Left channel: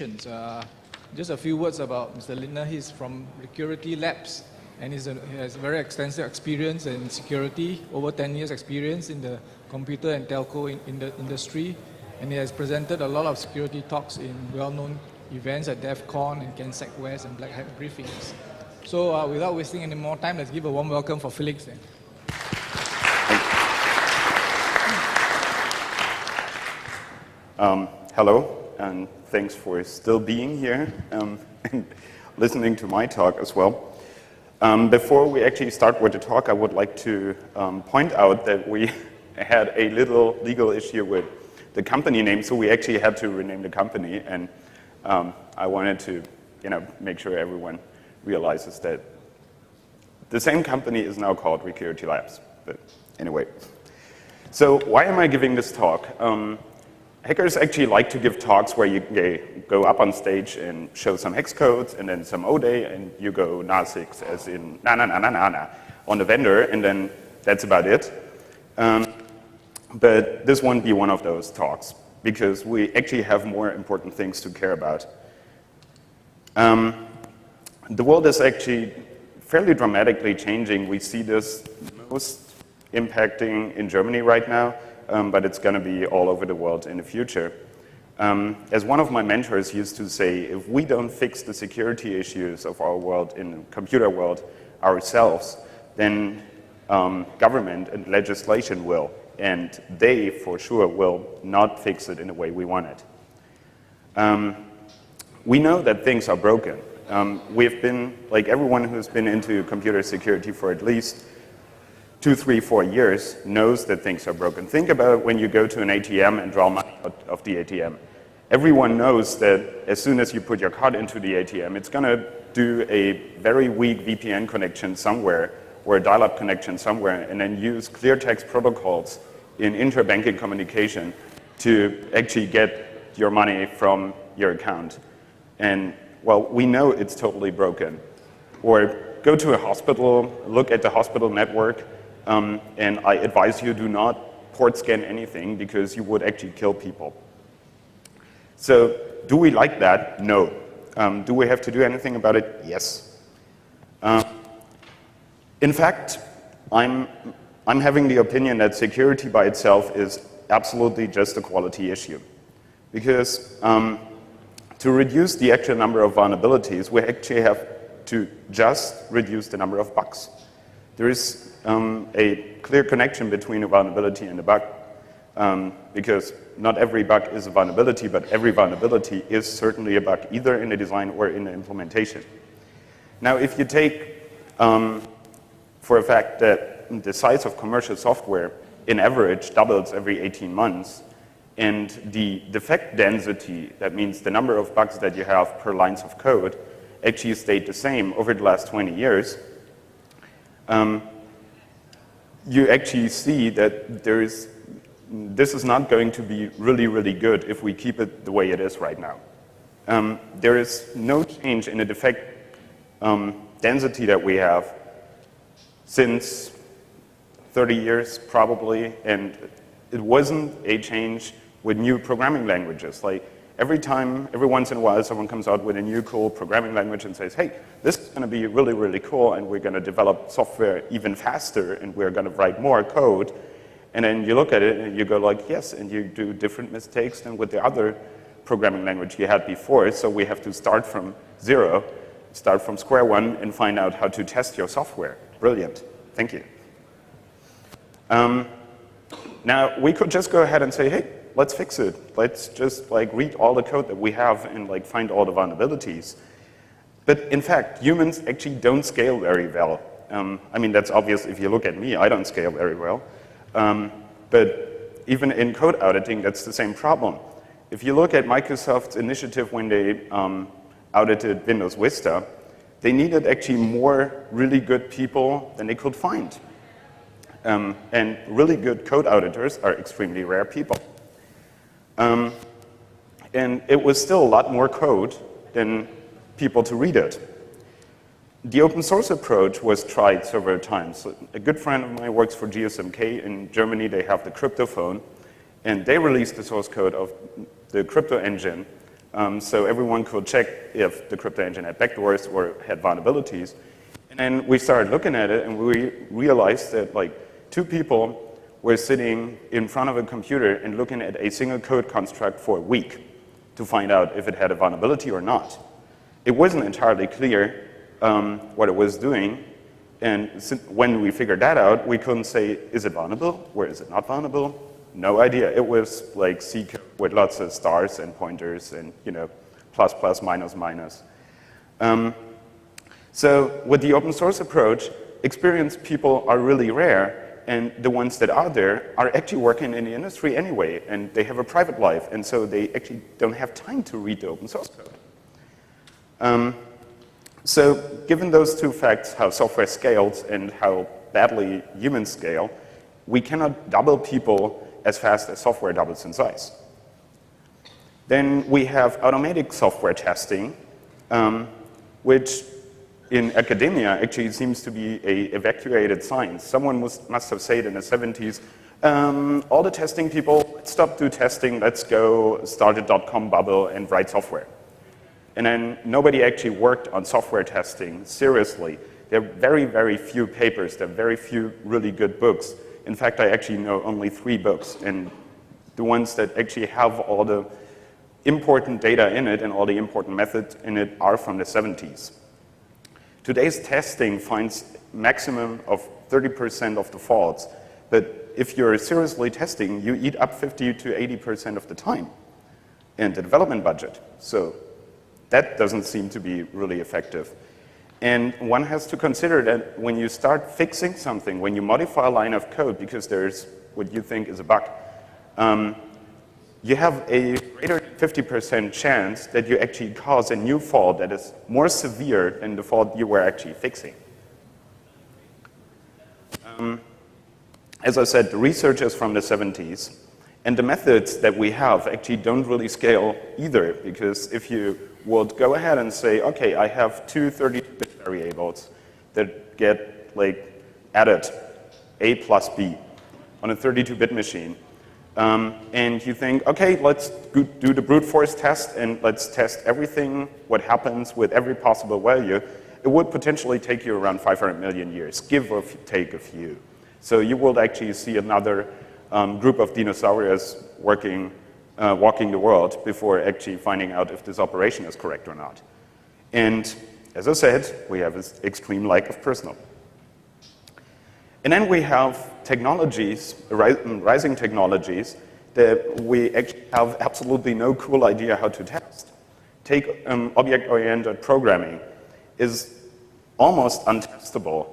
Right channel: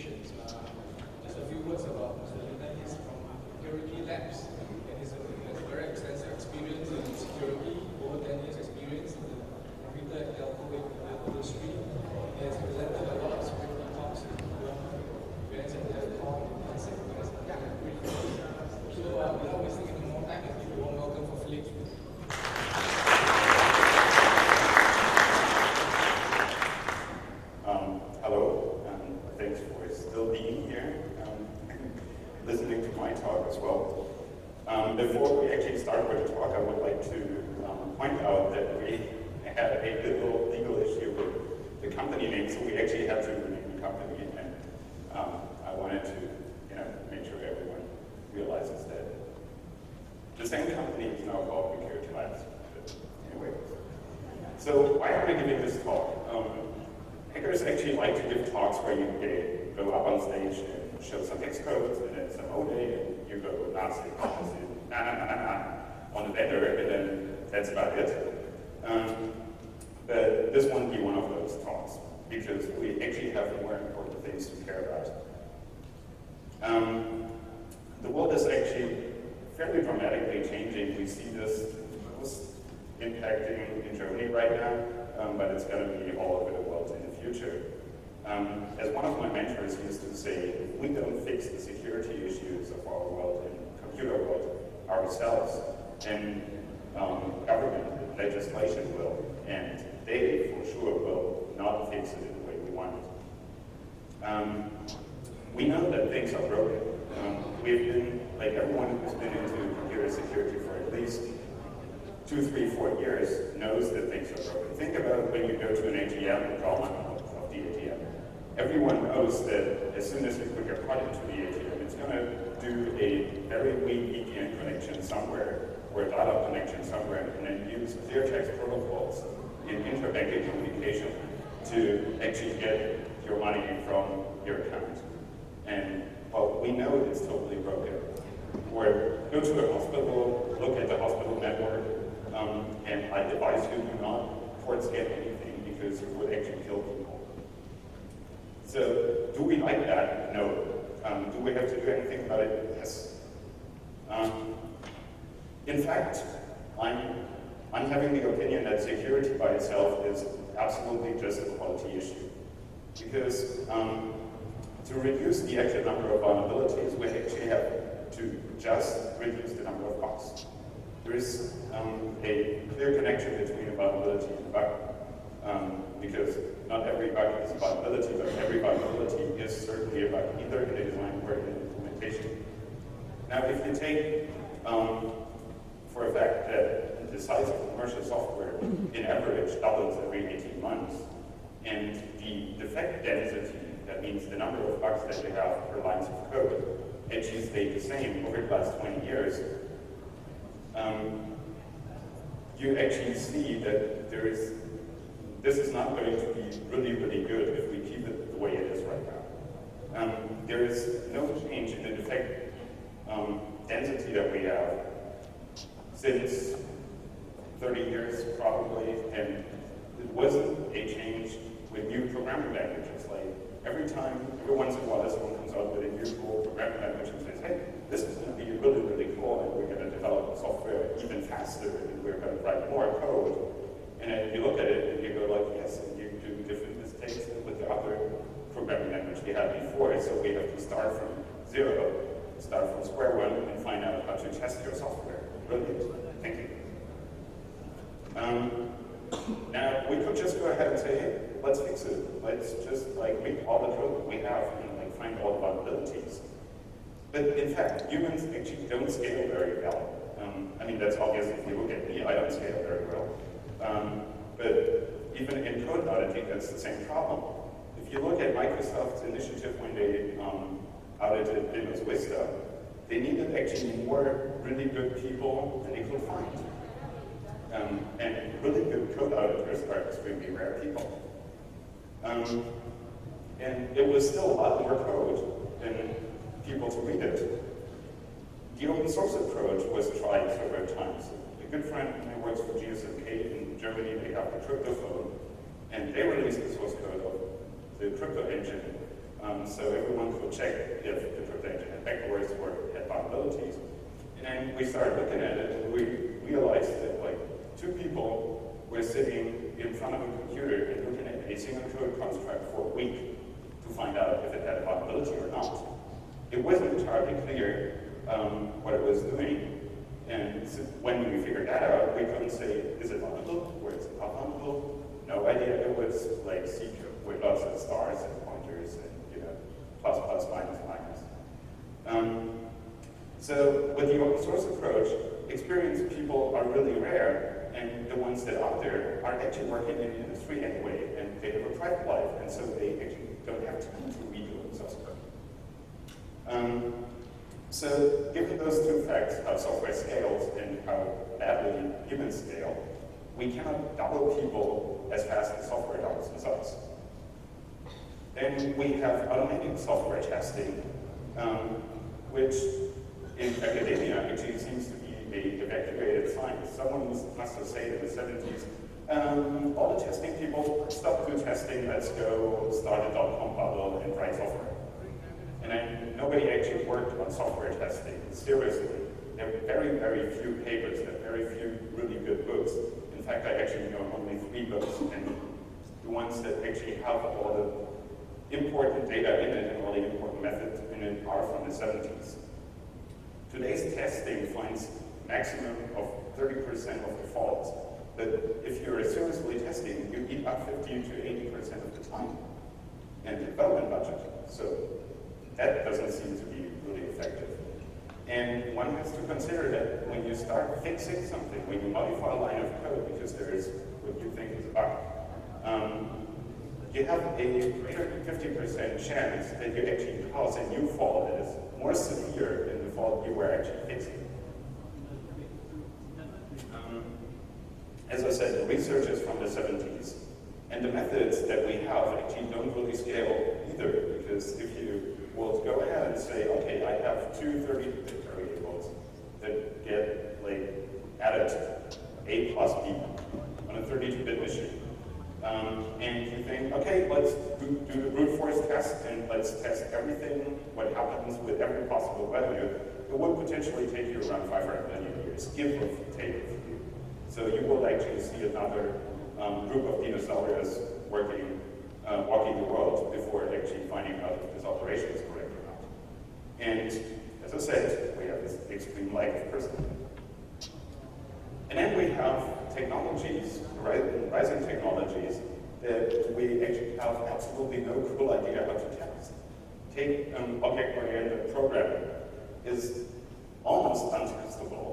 presentations. Just a few words about Mr. Lindner. He's from Security Labs, and he has a very extensive experience in security, over 10 years experience in the computer and telco in the industry, and he has presented a lot of security talks in well-known events at DEF CON and CANSEC West and Black Hat briefings. So without wasting any more time, let's give a warm welcome for Felix. Hello, and thanks for still being here and listening to my talk as well. Before we actually start with the talk, I would like to point out that we had a little legal issue with the company name, so we actually had to rename the company, and I wanted to make sure everyone realizes that the same company is now called Security Labs. But anyway, so why am I giving this talk? Hackers actually like to give talks where you go up on stage and show some hex codes and then some ODE, and you go na6 as in na on the vendor, and then that's about it. But this won't be one of those talks, because we actually have more important things to care about. The world is actually fairly dramatically changing. We see this most impacting in Germany right now, but it's going to be all over the world in the future. As one of my mentors used to say, if we don't fix the security issues of our world, in the computer world, ourselves, then government and legislation will, and they for sure will not fix it in the way we want it. We know that things are broken. We've been, like everyone who's been into computer security for at least 2, 3, 4 years knows that things are broken. Think about when you go to an ATM and draw money out of the ATM. Everyone knows that as soon as you put your card into the ATM, it's going to do a very weak VPN connection somewhere, or a dial-up connection somewhere, and then use clear text protocols in interbanking communication to actually get your money from your account. And well, we know it's totally broken. Or go to a hospital, look at the hospital network, and I advise you do not port scan anything, because you would actually kill people. So do we like that? No. Do we have to do anything about it? Yes. In fact, I'm having the opinion that security by itself is absolutely just a quality issue. Because to reduce the actual number of vulnerabilities, we actually have to just reduce the number of bugs. There is a clear connection between a vulnerability and a bug, because not every bug is a vulnerability, but every vulnerability is certainly a bug, either in the design or in the implementation. Now, if you take for a fact that the size of commercial software in average doubles every 18 months, and the defect density, that means the number of bugs that you have per lines of code, actually stayed the same over the last 20 years, you actually see that this is not going to be really, really good if we keep it the way it is right now. There is no change in the defect density that we have since 30 years, probably, and it wasn't a change with new programming languages. Like every once in a while, someone comes out with a new cool programming language and says, hey, this is going to be really, really cool, and we're going to develop software even faster, and we're going to write more code. And then you look at it and you go like, yes, and you do different mistakes than with the other programming language you had before, so we have to start from zero, start from square one, and find out how to test your software. Brilliant. Thank you. Now, we could just go ahead and say, hey, let's fix it. Let's just read all the code that we have and find all the vulnerabilities. But in fact, humans actually don't scale very well. I mean, that's obvious if you look at me. I don't scale very well. But even in code auditing, that's the same problem. If you look at Microsoft's initiative when they audited Windows Vista, they needed actually more really good people than they could find. And really good code auditors are extremely rare people. And it was still a lot more code than people to read it. The open source approach was tried several times. A good friend of mine works for GSMK in Germany. They have the crypto phone, and they released the source code of the crypto engine So everyone could check if the crypto engine had backdoors or had vulnerabilities. And we started looking at it, and we realized that like 2 people were sitting in front of a computer and looking at a single code construct for a week to find out if it had a vulnerability or not. It wasn't entirely clear what it was doing, and when we figured that out, we couldn't say, is it vulnerable or is it not vulnerable? No idea. It was like C code with lots of stars and pointers and plus, plus, minus, minus. So with the open source approach, experienced people are really rare, and the ones that are there are actually working in the industry anyway, and they have a private life, and so they actually don't have time to read the open source code. So given those 2 facts, how software scales and how badly humans scale, we cannot double people as fast as software doubles in size. Then we have automatic software testing, which in academia actually seems to be an evacuated science. Someone must have said in the 70s, all the testing people, stop do testing, let's go start a .com bubble and write software. And then nobody actually worked on software testing seriously. There are very, very few papers, there are very few really good books. In fact, I actually know only 3 books, and the ones that actually have all the important data in it and all the important methods in it are from the 70s. Today's testing finds maximum of 30% of the faults, but if you're seriously testing, you eat up 50 to 80% of the time and the development budget. So that doesn't seem to be really effective. And one has to consider that when you start fixing something, when you modify a line of code because there's what you think is a bug, you have a greater 50% chance that you actually cause a new fault that is more severe than the fault you were actually fixing. As I said, the research is from the 70s, and the methods that we have actually don't really scale either, because if you would go ahead and say, okay, I have 2 32-bit variables that get like added A plus B on a 32-bit machine, and you think, okay, let's do the brute force test and let's test everything, what happens with every possible value, it would potentially take you around 500 million years, give or take a few. So you will actually see another group of dinosaurs walking the world before actually finding out if this operation is correct or not. And as I said, we have this extreme lack of personnel. And then we have technologies, rising technologies, that we actually have absolutely no cool idea how to test. Take object-oriented programming is almost untestable,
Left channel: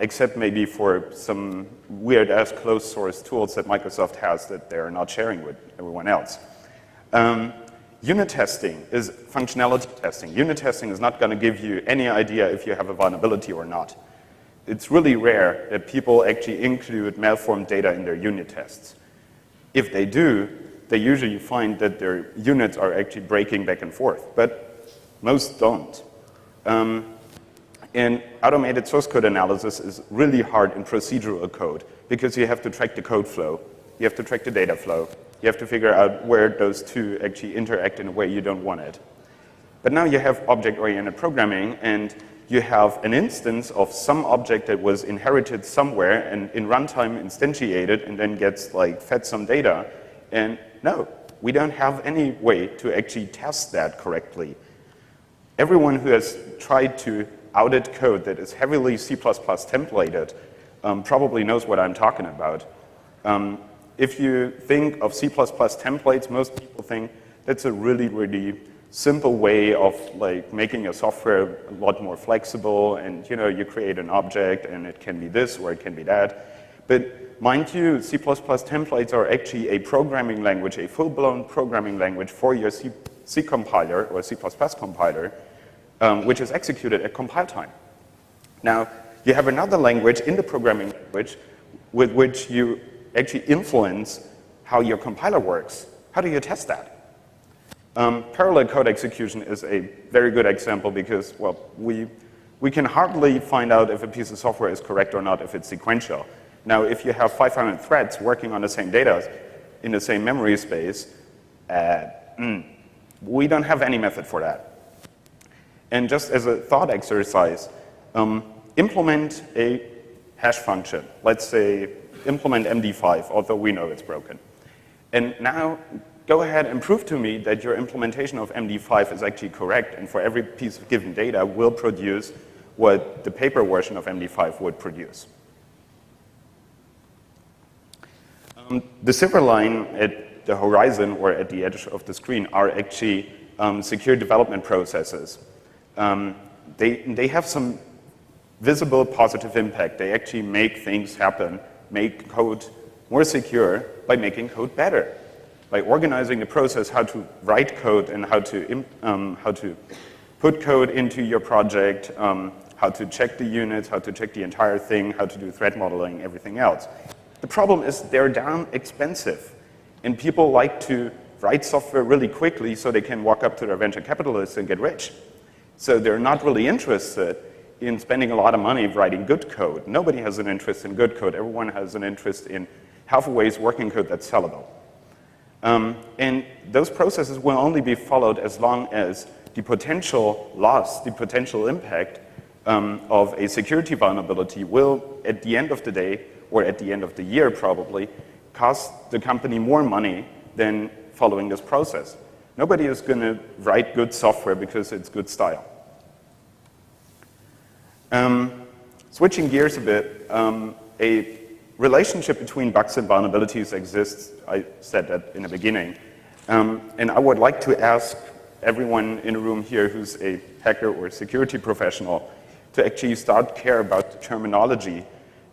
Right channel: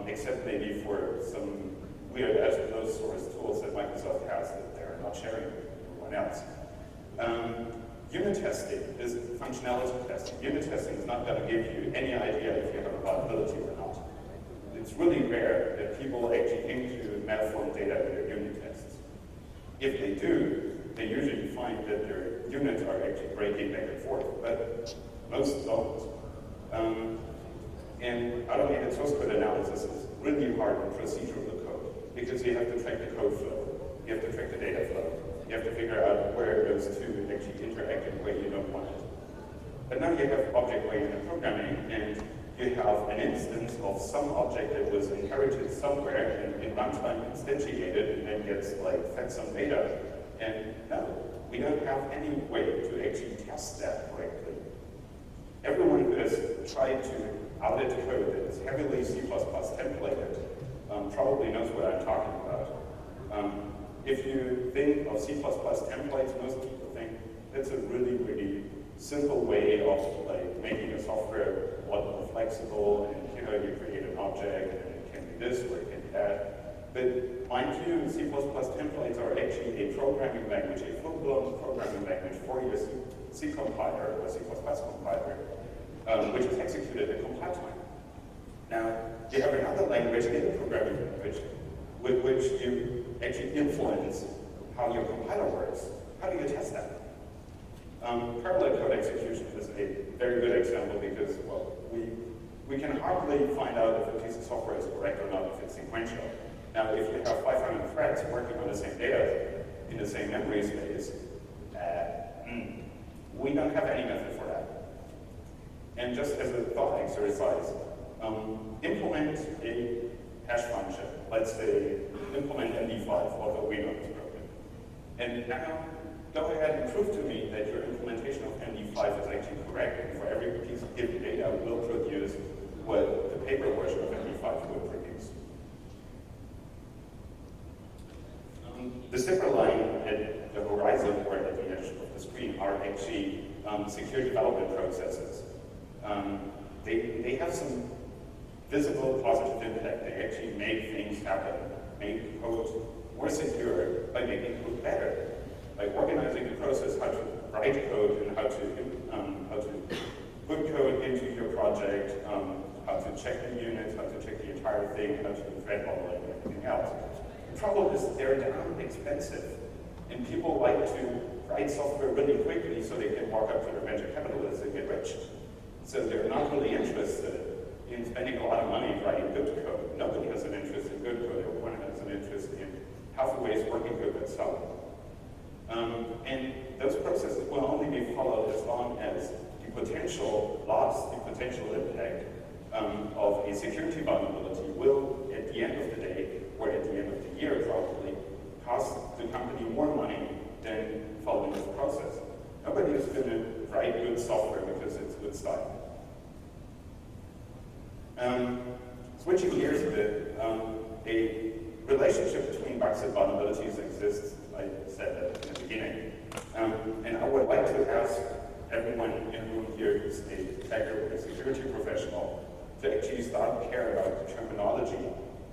except maybe for some weird-ass closed-source tools that Microsoft has that they're not sharing with everyone else. Unit testing is functionality testing. Unit testing is not going to give you any idea if you have a vulnerability or not. It's really rare that people actually include malformed data in their unit tests. If they do, they usually find that their units are actually breaking back and forth, but most don't. And automated source code analysis is really hard in procedural code because you have to track the code flow, you have to track the data flow, you have to figure out where those two actually interact in a way you don't want it. But now you have object-oriented programming, and you have an instance of some object that was inherited somewhere and in runtime instantiated and then gets like fed some data. And no, we don't have any way to actually test that correctly. Everyone who has tried to audit code that is heavily C++ templated probably knows what I'm talking about. If you think of C++ templates, most people think that's a really, really simple way of like making your software a lot more flexible, and you create an object and it can be this or it can be that. But mind you, C++ templates are actually a programming language, a full-blown programming language for your C compiler or C++ compiler, which is executed at compile time. Now, you have another language in the programming language with which you actually influence how your compiler works. How do you test that? Parallel code execution is a very good example because, well, we can hardly find out if a piece of software is correct or not if it's sequential. Now, if you have 500 threads working on the same data in the same memory space, We don't have any method for that. And just as a thought exercise, implement a hash function. Let's say implement MD5, although we know it's broken. And now go ahead and prove to me that your implementation of MD5 is actually correct, and for every piece of given data will produce what the paper version of MD5 would produce. The silver line at the horizon or at the edge of the screen are actually secure development processes. They have some visible positive impact. They actually make things happen, make code more secure by making code better, by organizing the process, how to write code and how to put code into your project, how to check the units, how to check the entire thing, how to do threat modeling, everything else. The problem is they're damn expensive, and people like to write software really quickly so they can walk up to their venture capitalists and get rich. So they're not really interested in spending a lot of money writing good code. Nobody has an interest in good code. Everyone has an interest in half-a-ways working code that's sellable. And those processes will only be followed as long as the potential loss, the potential impact of a security vulnerability will, at the end of the day, or at the end of the year probably, cost the company more money than following this process. Nobody is going to write good software because it's good style. Switching gears a bit, a relationship between bugs and vulnerabilities exists. I said that in the beginning. And I would like to ask everyone in the room here who's a hacker or security professional to actually start care about the terminology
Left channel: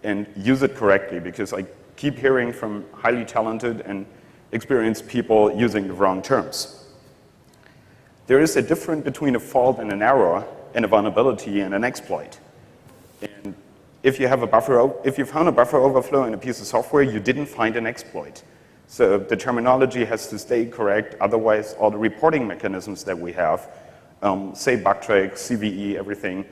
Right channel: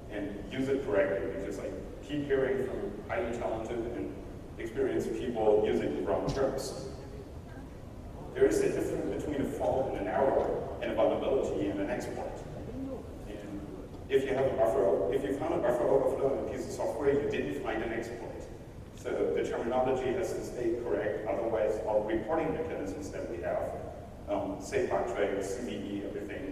and use it correctly, because I keep hearing from highly talented and experienced people using the wrong terms. There is a difference between a fault and an error, and a vulnerability and an exploit. And if you have if you found a buffer overflow in a piece of software, you didn't find an exploit. So the terminology has to stay correct, otherwise all the reporting mechanisms that we have, say Bugtrack, CVE, everything,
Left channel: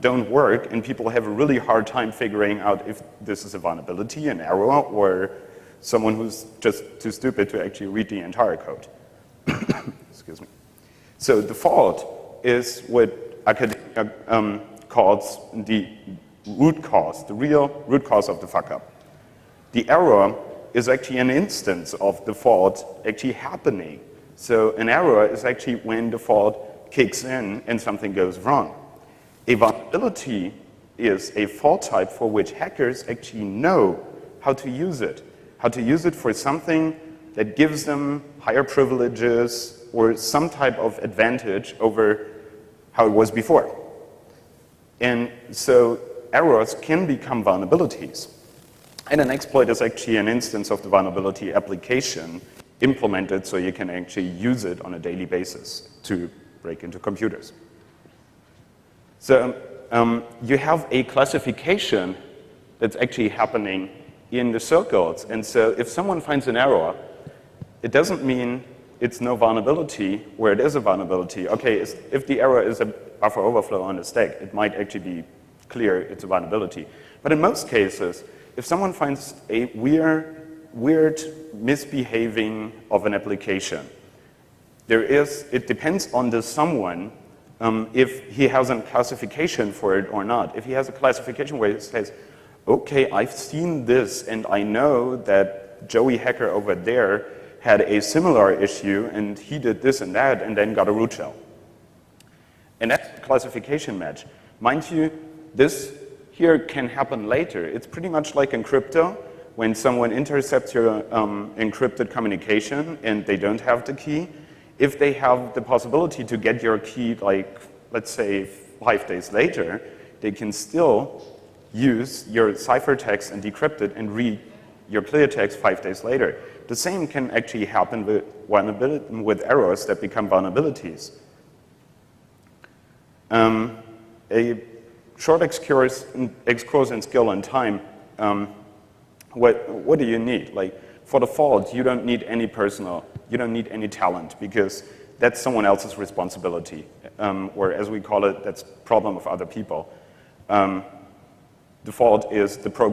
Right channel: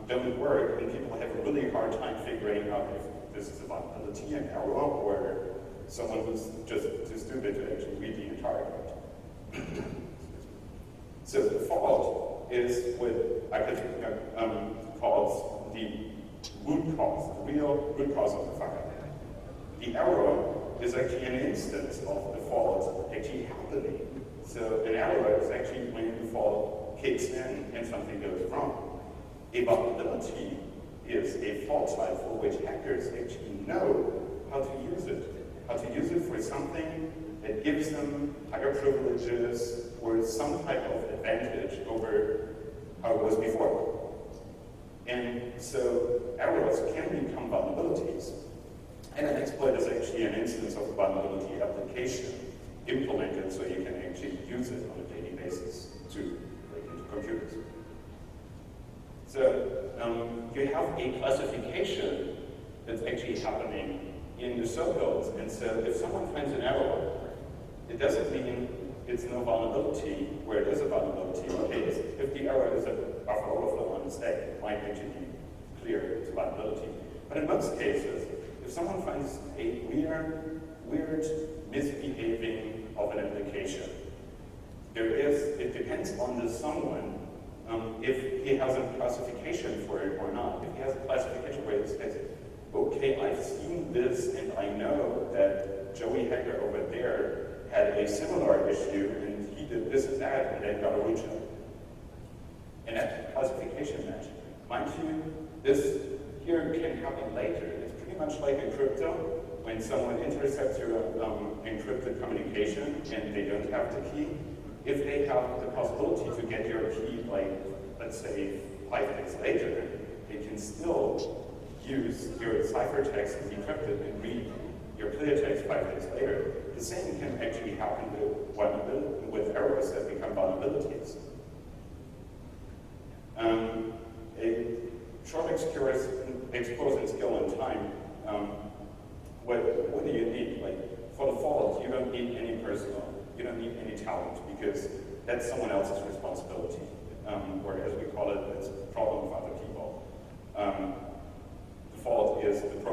don't work, and people have a really hard time figuring out if this is a vulnerability, an error, or someone who's just too stupid to actually read the entire code. Excuse me. So the fault is what academia calls the root cause, the real root cause of the fuck up. The error is actually an instance of the fault actually happening. So an error is actually when the fault kicks in and something goes wrong. A vulnerability is a fault type for which hackers actually know how to use it for something that gives them higher privileges or some type of advantage over how it was before. And so errors can become vulnerabilities. And an exploit is actually an instance of the vulnerability application implemented so you can actually use it on a daily basis to break into computers. So you have a classification that's actually happening in the circles. And so if someone finds an error, it doesn't mean it's no vulnerability where it is a vulnerability. Okay, if the error is a buffer overflow on the stack, it might actually be clear it's a vulnerability. But in most cases, if someone finds a weird misbehaving of an application, it depends on the someone if he has a classification for it or not. If he has a classification where it says, okay, I've seen this and I know that Joey hacker over there had a similar issue and he did this and that and then got a root shell. And that's a classification match. Mind you, this here can happen later. It's pretty much like in crypto, when someone intercepts your encrypted communication and they don't have the key. If they have the possibility to get your key, like, let's say 5 days later, they can still use your ciphertext and decrypt it and read your clear text 5 days later. The same can actually happen with errors that become vulnerabilities. A short excursus in skill and time, what do you need? Like, for the fault, you don't need any talent, because that's someone else's responsibility, or as we call it, that's problem of other people. The fault is the program